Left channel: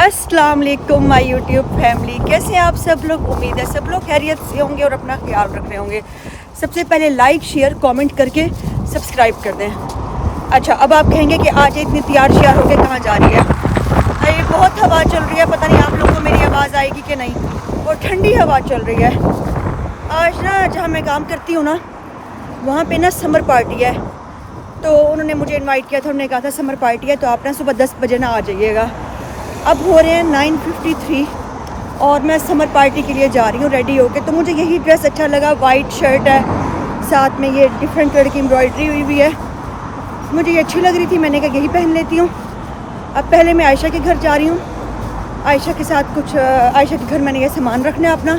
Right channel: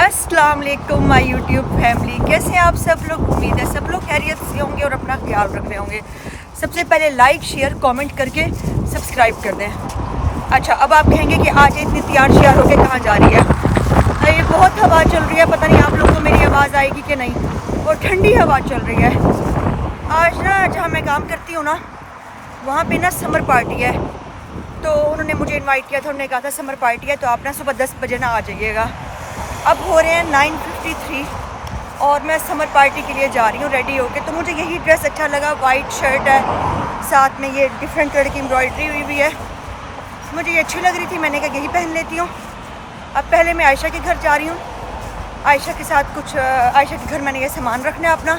अस्सलाम वालेकुम my YouTube family, कैसे हैं आप सब लोग। उम्मीद है सब लोग खैरियत से होंगे और अपना ख्याल रख रहे होंगे। सबसे पहले लाइक शेयर कमेंट करके सब्सक्राइब कर दें। अच्छा, अब आप कहेंगे कि आज इतनी तैयार श्यार होकर कहाँ जा रही है। ये बहुत हवा चल रही है, पता नहीं आप लोगों को मेरी आवाज़ आएगी कि नहीं। और ठंडी हवा चल रही है। आज ना जहाँ मैं काम करती हूँ ना, वहाँ पे ना समर पार्टी है। तो उन्होंने मुझे इनवाइट किया था, उन्होंने कहा था समर पार्टी है तो आप ना सुबह 10 बजे ना आ जाइएगा। अब हो रहे हैं 9:53 और मैं समर पार्टी के लिए जा रही हूँ रेडी होके। तो मुझे यही ड्रेस अच्छा लगा, वाइट शर्ट है, साथ में ये डिफरेंट कलर की एम्ब्रॉयडरी हुई हुई है। मुझे ये अच्छी लग रही थी, मैंने कहा यही पहन लेती हूँ। अब पहले मैं आयशा के घर जा रही हूँ। आयशा के साथ कुछ आयशा के घर मैंने ये सामान रखना है अपना,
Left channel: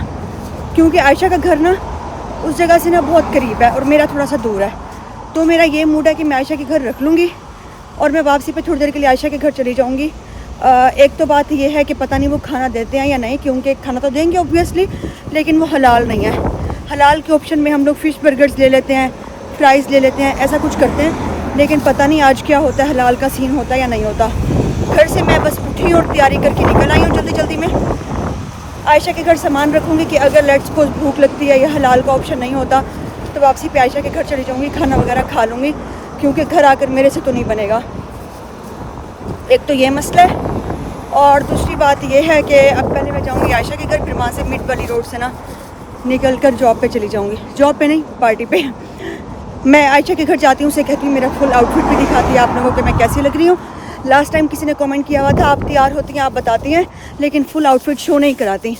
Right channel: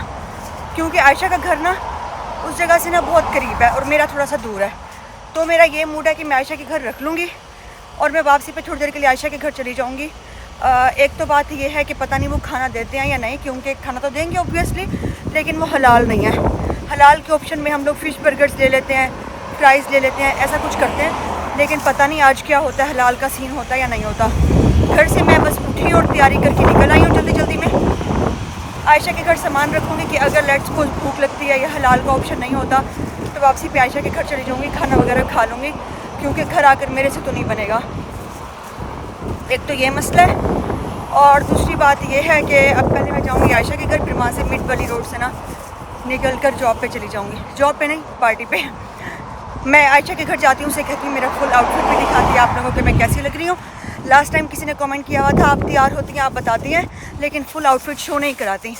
क्योंकि आयशा का घर ना उस जगह से ना बहुत करीब है और मेरा थोड़ा सा दूर है। तो मेरा ये मूड है कि मैं आयशा के घर रख लूँगी और मैं वापसी पे थोड़ी देर के लिए आयशा के घर चली जाऊँगी। एक तो बात ये है कि पता नहीं वो खाना देते हैं या नहीं, क्योंकि खाना तो देंगे ऑब्वियसली, लेकिन वो हलाल नहीं है। हलाल के ऑप्शन में हम लोग फ़िश बर्गर्स ले लेते हैं, फ्राइज़ ले लेते हैं, ऐसा कुछ करते हैं। लेकिन पता नहीं आज क्या होता है, हलाल का सीन होता है या नहीं होता। घर से मैं बस उठी और तैयारी करके निकल आई हूँ जल्दी जल्दी में। आयशा के घर सामान रखूँगी कि अगर लेट्स सपोज भूख लगती है या हलाल का ऑप्शन नहीं होता तो वापसी पे आयशा के घर चली जाऊँगी, खाना वगैरह खा लूँगी, क्योंकि घर आकर मेरे से तो नहीं बनेगा। एक तो ये मसला है और दूसरी बात ये है कि अब पहले मैं जाऊँगी आयशा के घर, फिर वहाँ से मिड वाली रोड से ना निकल कर जॉब पे चली जाऊँगी। जॉब पे नहीं, पार्टी पे। मैं आयशा के घर जाती हूँ, उसे कहती हूँ मेरा फुल आउटफिट भी दिखाती है आप लोगों को मैं कैसी लग रही हूँ। लास्ट टाइम किसी ने कमेंट किया हुआ था आप तैयार होती हैं, आप बताती हैं, लेकिन फुल आउटफिट शो नहीं कराती।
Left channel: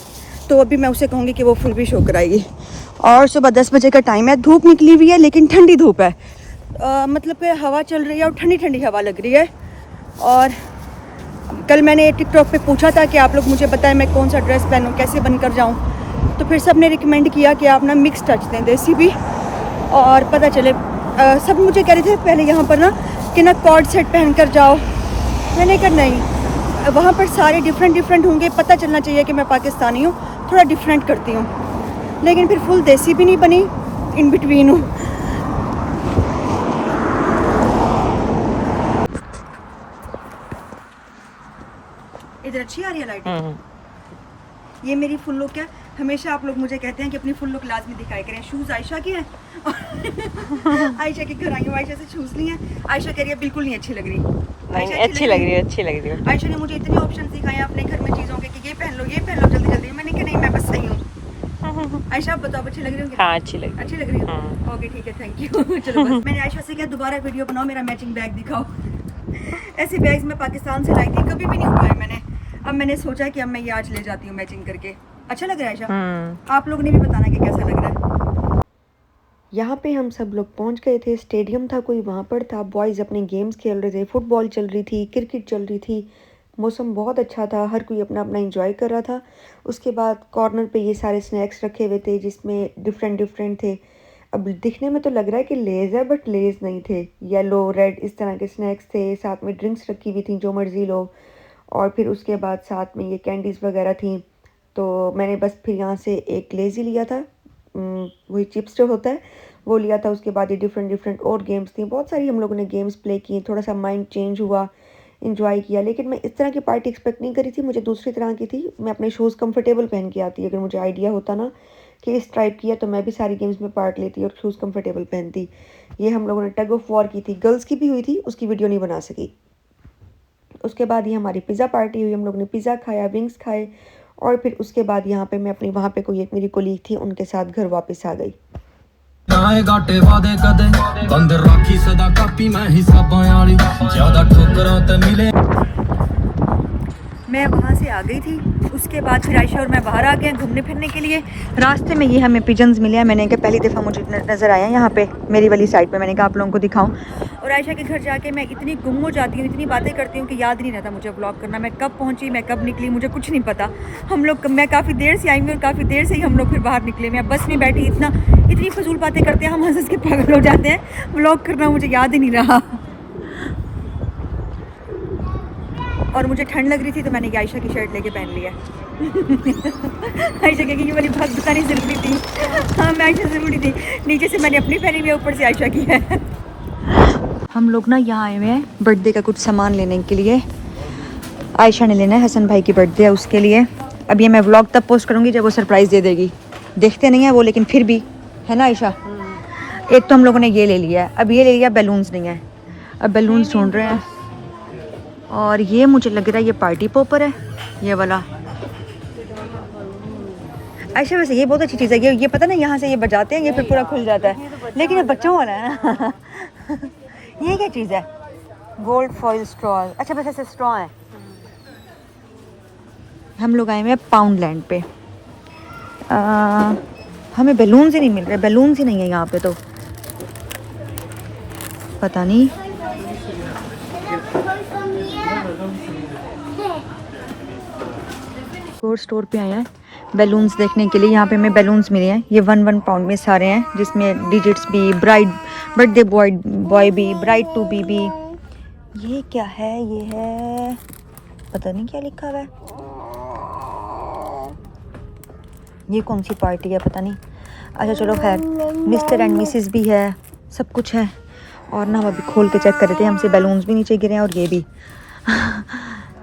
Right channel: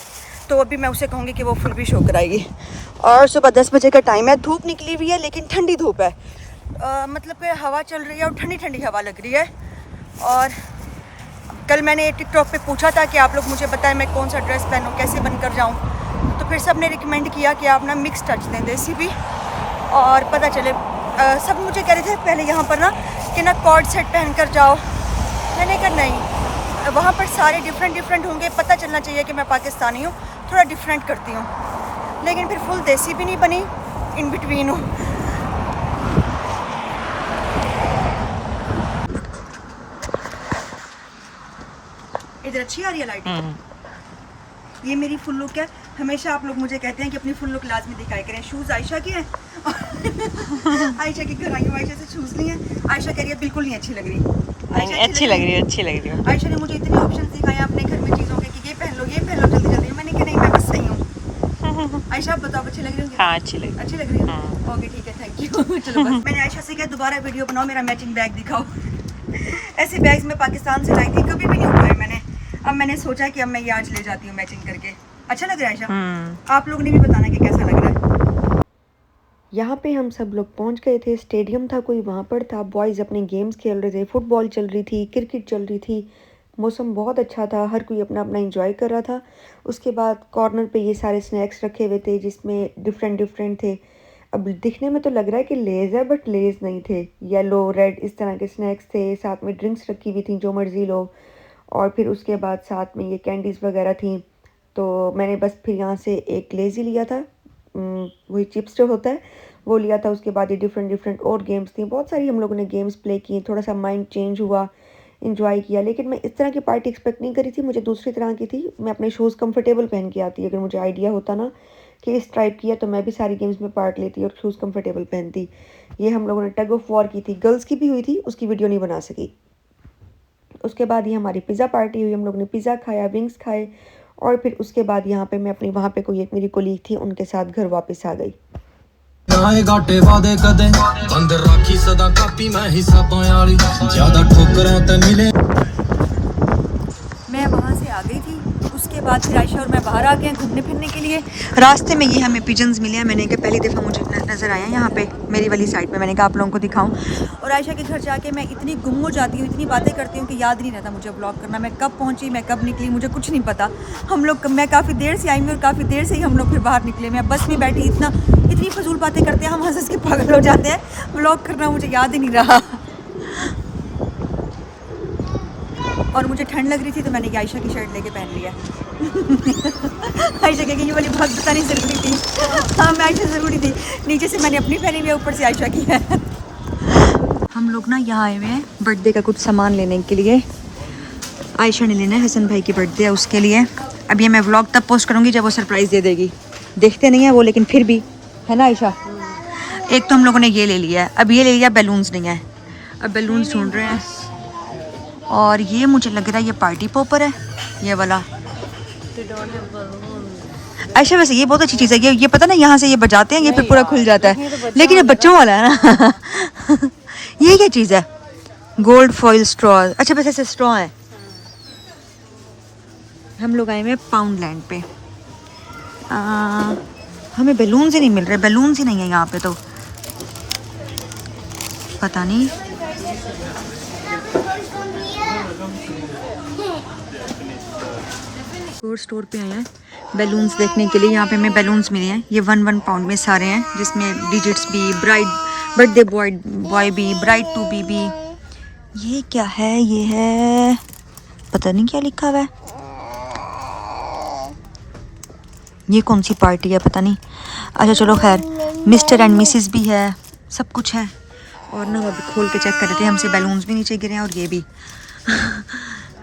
तो अभी मैं उसे कहूँगी कि वो फुल भी शो कराएगी। और सुबह 10 बजे का टाइम है, धूप निकली हुई है लेकिन ठंडी धूप है। मतलब कि हवा चल रही है और ठंडी ठंडी हवा लग रही है। और कल मैंने टिकटॉक पे पूछा था कि आप लोग मुझे बताएं मैं कौन सा ड्रेस पहनूं, कैसे बनकर जाऊं। तो फिर सब ने रिकमेंड किया कि आप ना मिक्स टच दें, देसी भी और पता चले। सब मुझे कह रहे थे पहले यहाँ पर ना कि ना कॉर्ड सेट पहन कर जाओ। मैंने कहा नहीं, वहाँ पर सारे डिफरेंट होंगे, पता चलना चाहिए कि मैं पाकिस्तानी हूँ, थोड़ा डिफरेंट करती हूँ। लेकिन फिर फुल देसी भी नहीं बनी, इन बिटवीन हूँ। इधर अच्छी आ रही है लाइट। ये मेरी फुल लुक है। हमेशा आप लोग मुझे कहते हैं कि अपनी फुल लुक लाजमी दिखाया करें। शूज़ आयशा की है आयशा के घर आई हूँ, आयशा से शूज़ नहीं है। आयशा कह रही है बिल्कुल नहीं अच्छी लग रही। अच्छी लग रही है। आयशा ने मुझे इतने ऑप्शन दिखाए अपने घर में चीज़ों के कि ये पहन लो जल्दी जल्दी। मैंने कहा नहीं, मैं बस सही हूँ। आयशा आप बताओ अच्छी लग रही हूँ? हाँ, अच्छी लग रही है। ओके ठीक है, थैंक यू। चलो बस मैंने आयशा से कहा दोबारा वीडियो बनाओ, मेरा मैचिंग बैग दिखाओ। ऐसे बैग्स मैं पाकिस्तान से लाई थी, कभी भी नहीं उठाए मैंने। अब मैंने सोचा कि अब मैं ये आज ले जाती हूँ मैचिंग करके। अच्छा लग रहा है आयशा? आप लोगों ने भी बताना कि कैसा लग रहा है। यहाँ पे हम सब लोग पहुँच गए थे। स्टेडियम था कोई, वहाँ पर था। बॉयज़ अपने गेम्स खेल रहे थे, फुटबॉल चल रही थी, क्रिकेट चल रही थी। मौसम बहुत अच्छा था, हर कोई अपना अपना एंजॉय कर रहा था। उसके बाद कॉर्नर पे ये सारे स्नैक्स रखे हुए थे जिसमें डिफरेंट थे। अब दिखने में तो लग रहा है कि लेज़ है, बट लेज़ नहीं थे। येलो रेड इस तरह के स्नैक्स थे, साथ में ड्रिंक्स रखी हुई थी जो मर्ज़ी लो। और फिर उसके बाद साथ में ये कैंडीज़ वगैरह थी। तो मैंने बस फिर यहाँ से एक लेज़ ही लिया था, वही चिप्स जो होता है वो लिया था। उसके बाद ये डिफरेंट और गेम्स थी, बहुत सारी हम लोगों ने गेम्स प्ले की। थोड़ा सा माइंड चेंज हुआ, इंजॉय किया। लेकिन मैं इस तरह की पार्टी एक्सपेक्ट नहीं करी थी, मुझे दूसरी तरह की थी। मैं अपने शूज़ कंफर्टेबल पहन के आती, अगर मुझे आइडिया होता ना कि इस टाइप की है तो मैं भी सारी गेम्स में पार्ट लेती और शूज़ कंफर्टेबल पहनती। ये हम लोगों ने टग ऑफ वॉर की थी, गर्ल्स की भी हुई थी, उसकी वीडियो नहीं बना सकी। उसके बाद ये हमारी पिज़्ज़ा पार्टी हुई, हम लोग ने पिज़्ज़ा खाया, विंग्स खाए। और फिर उसके बाद यहाँ पे मैं अपनी वहाँ पे कोई एक मेरी कोलीग थी, उनके साथ घर वापस आ गई। मैं वहाँ से आ गई थी। उसके बाद फिर आयशा और मैं बाहर आ गए घूमने फिरने के लिए। रास्ते में ये हमें पिजन्स मिले हैं। मैंने कहा पहली दफ़ा मुझे नज़र आया यहाँ पे मेरी वाली साइड पे। मैंने कहा आप लोगों को दिखाऊं। और आयशा के घर जाके मैं इतनी गुम हो जाती हूँ, इतनी बातें करती हूँ कि याद नहीं रहता मुझे व्लॉग करना। मैं कब पहुँची, मैं कब निकली, मुझे कुछ नहीं पता। मैं काफ़ी देर से आई हूँ और काफ़ी देर से ही हम लोग फिर बाहर निकले। मैं बस में बैठी, इतनी फजूल बातें करते हैं हम, हंस के पागल हो जाते हैं। व्लॉग करना मुझे याद ही नहीं रहा। और मुझे ठंड लग रही थी तो मैंने ये आयशा की शर्ट लेके पहन लिया। आयशा की ये वाली बात बतानी ज़रूरी थी। हाँ, मैं आयशा ज़रूरी थी। नीचे से मैंने अपनी पहनी हुई है, ऊपर से आयशा की है। हम लोग ना यहाँ आए हुए हैं बर्थडे का कुछ सामान लेने के लिए। आयशा ने लेना है, हसन भाई की बर्थडे है उसके लिए। अब ये मैं व्लॉग तब पोस्ट करूँगी जब वो सरप्राइज़ दे देगी। देखते नहीं है वो, लेकिन फिर भी है ना आयशा। एक तो हम लोगों ने ये ले लिया है, अब ये ले लिया, बैलून्स नहीं है, अब बैलून्स ढूंढ रहे हैं। और ये मुझे लग रहा है ये पार्टी पॉपर है, ये वाला। अच्छा वैसे ये बहुत अच्छी चीज़ है, ये पता ना यहाँ से ये बजाते हैं, ये फिर पूरा खुल जाता है, लेकिन ये बच्चों वाला है ना। ये क्या चीज़ है? Gold foil straw. अच्छा बस ऐसे स्ट्रॉ है। हम लोग आए हुए हैं पाउंड लैंड पे। हमें बैलून्स ही नहीं मिल रहे, बैलून्स ही नहीं है यहाँ पे, तो पता नहीं। स्टोर पे आए हैं बैलून्स देखने के लिए। यहाँ पे हमें बैलून्स मिले हैं, ये 1 पाउंड में सारे हैं, जिसमें डिजिट्स भी, ब्राइड बर्थडे बॉय भी, ब्राइड टू बी भी। ये क्या है? ये है पता नहीं क्या लिखा हुआ है, ये कौन सी पार्टी है पता नहीं। अच्छा चलो खैर, मिस्टर एंड मिसिस भी है, सब कुछ है। और ना हम अभी खोल के चेक कर रहे थे, हमसे बैलून्स भी नीचे गिरे हैं और ये भी।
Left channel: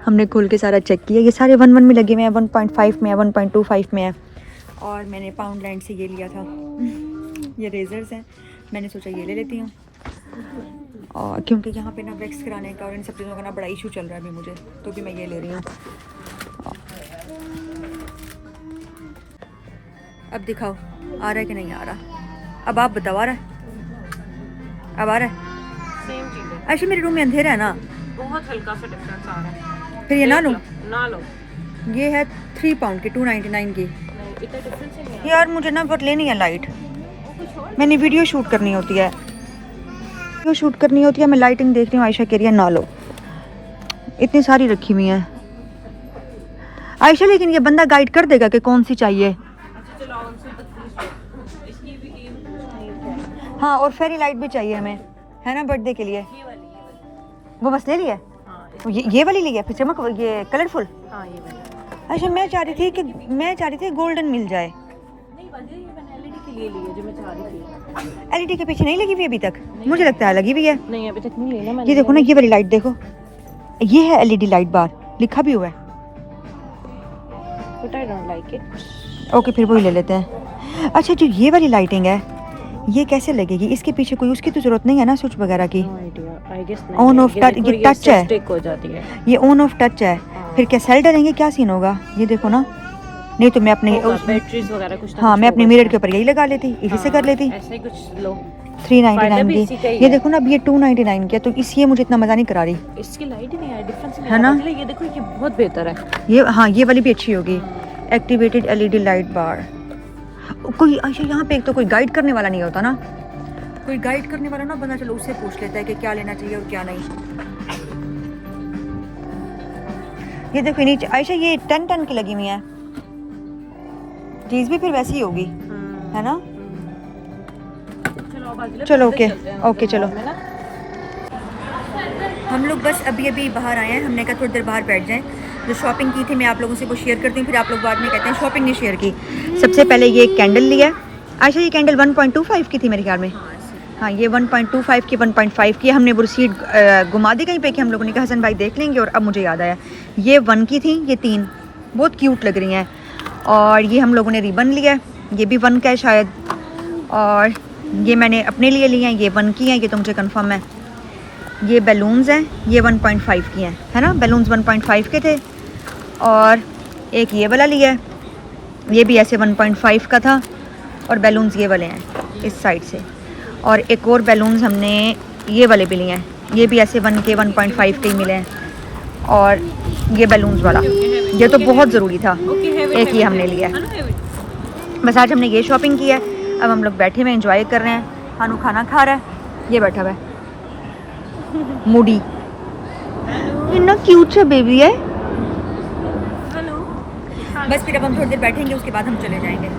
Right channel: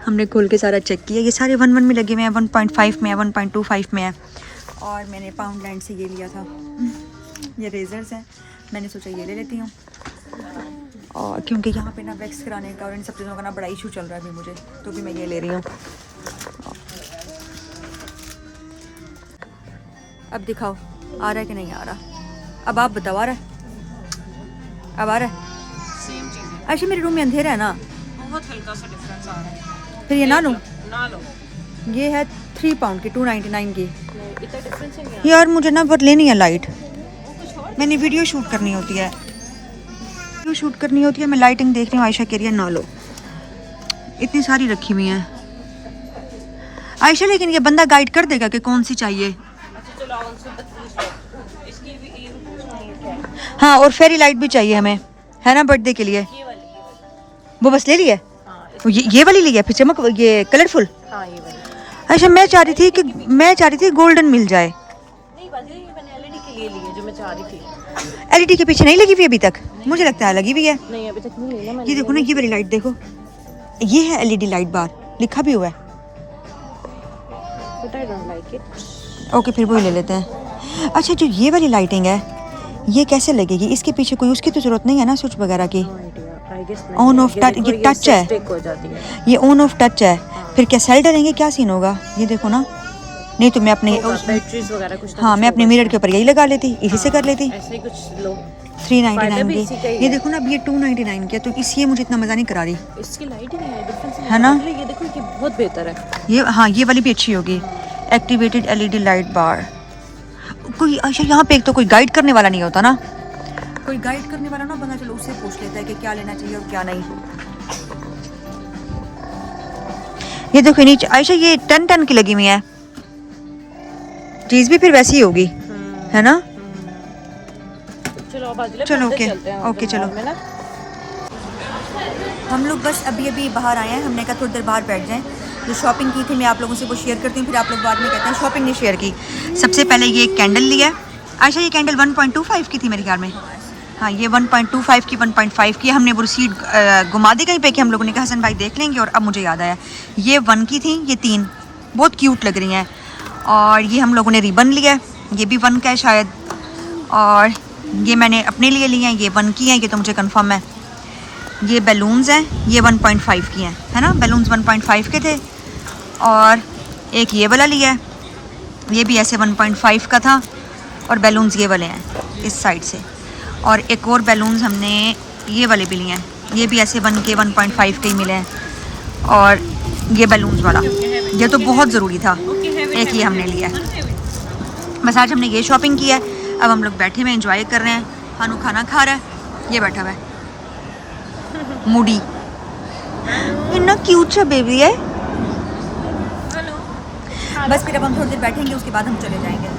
हमने खोल के सारा चेक किया, ये सारे 1 में लगे हुए हैं, 1.5 में है, 1.25 में है। और मैंने पाउंड लैंड से ये लिया था, ये रेजर्स हैं, मैंने सोचा ये ले लेती हूँ। और क्योंकि यहाँ पे ना वैक्स कराने का और इन सब चीज़ों का ना बड़ा इशू चल रहा है अभी मुझे, तो भी मैं ये ले रही हूँ। अब दिखाओ आ रहा है कि नहीं आ रहा, अब आप बताओ आ रहा है? अब आ रहा है? अच्छा मेरे रूम में अंधेरा है ना, बहुत हल्का सा डिफरेंस आ रहा है। फिर ये ना लूँ? ना लो, ये है 3 पाउंड की, 2.99 की। इतना डिफरेंस है यार मुझे ना बहुत लेनी है लाइट, मैंने वीडियो शूट करनी होती है, वीडियो शूट करनी होती है, मैं लाइटिंग देख रही हूँ। आयशा कह रही है ना लो, इतनी सारी रखी हुई हैं आयशा, लेकिन ये बंदा गाइड कर देगा कि कौन सी चाहिए। हाँ और फेरी लाइट भी चाहिए हमें, है ना बर्थडे के लिए। वो बस ले लिया, ये वाली ली है, फिर चमक ये कलरफुल। अच्छा मैं चाह रही थी गोल्डन मिल जाए। एलईडी के पीछे नहीं लगी हुई अभी तक? मुझे लगता है लगी हुई है। नहीं अभी तक नहीं है। ये देखो ना, ये वाली लाइट देखो, ये है एलईडी लाइट बार, लिखा भी हुआ है। ओके फिर वही ले लेते हैं। अच्छा जो ये वाली लाइटिंग है ये कैसे लगेगी? इसके पीछे कोई उसकी तो जरूरत नहीं है ना स्विच वगैरह की? ऑन ऑफ टच, ये टच है, ये ऑन ऑफ टच है। फिर क्या सेल डलेंगे, क्या सीन होगा? ये देखो ना, नहीं तो मैं अपने हाँ मैं अपने मिरर के ऊपर यही लगा लेती, इसी से कर लेती। 399 की, ये देखो ना अब ये 299 की है, तो इसलिए मुझे इतना मज़ा नहीं करा रही, है ना? ये देखो ये बहुत बेहतर है ये, हाँ ये वाली भी अच्छी होगी। एक्टिवेटेड एलईडी लाइट बार। कोई अच्छा यहाँ पे एक तो कोई गाइड करने वाला नहीं होता ना, कोई गाइड करने वाला ना बंदा चलो उससे पूछ लेता है कि क्या लेना चाहिए और क्या नहीं। ये देखो नीचे आयशा ये 10 की लगी हुई है, चीज भी फिर वैसी ही होगी, है ना? चलो ओके चलो। हम लोग बस अभी बाहर आए हैं, हमने कहा थोड़ी देर बाहर बैठ जाएं। जो शॉपिंग की थी मैं आप लोगों से वो शेयर करती हूँ, फिर आप लोग बाद में कहते हैं शॉपिंग नहीं शेयर की। सबसे पहले ये कैंडल लिया। आयशा ये कैंडल 1.25 की थी मेरे ख्याल में। हाँ ये 1.25 की, 1.5 की। हमने वो रिसीट घुमा दी कहीं पे कि हम लोगों ने कहा हसन भाई देख लेंगे, और अब मुझे याद आया ये 1 की थी, ये 3 बहुत क्यूट लग रही हैं। और ये हम लोगों ने रिबन लिया, ये भी 1 का है शायद। और ये मैंने अपने लिए लिए हैं, ये 1 की हैं, ये तो मुझे कंफर्म है। ये बैलून्स हैं, ये 1.5 की हैं, है ना? बैलून्स 1.5 के थे। और एक ये वाला लिया है, ये भी ऐसे 1.5 का था। और बैलून्स ये वाले हैं इस साइड से। और एक और बैलून्स हमने ये वाले भी लिए हैं, ये भी ऐसे 1 के 1.5 के ही मिले हैं। और ये बैलून्स वाला ये तो बहुत ज़रूरी था, एक ही हमने लिया है। बस आज हमने ये शॉपिंग की है। अब हम लोग बैठे हुए एंजॉय कर रहे हैं। हानू खाना खा रहा है, ये बैठा हुआ है मूडी, इतना क्यूट सा बेबी है। बस फिर अब हम थोड़ी देर बैठेंगे, उसके बाद हम चले जाएंगे।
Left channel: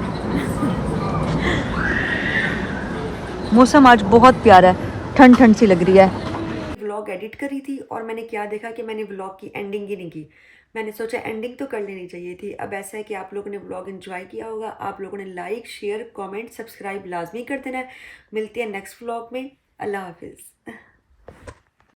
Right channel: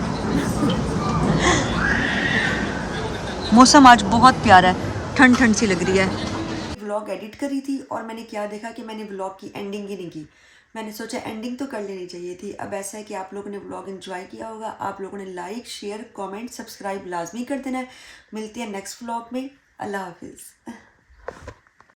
मौसम आज बहुत प्यारा है, ठंड ठंड सी लग रही है। व्लॉग एडिट करी थी और मैंने क्या देखा कि मैंने व्लॉग की एंडिंग ही नहीं की। मैंने सोचा एंडिंग तो कर लेनी चाहिए थी। अब ऐसा है कि आप लोगों ने व्लॉग एंजॉय किया होगा, आप लोगों ने लाइक शेयर कमेंट सब्सक्राइब लाजमी कर देना है। मिलते हैं नेक्स्ट व्लॉग में। अल्लाह हाफिज़।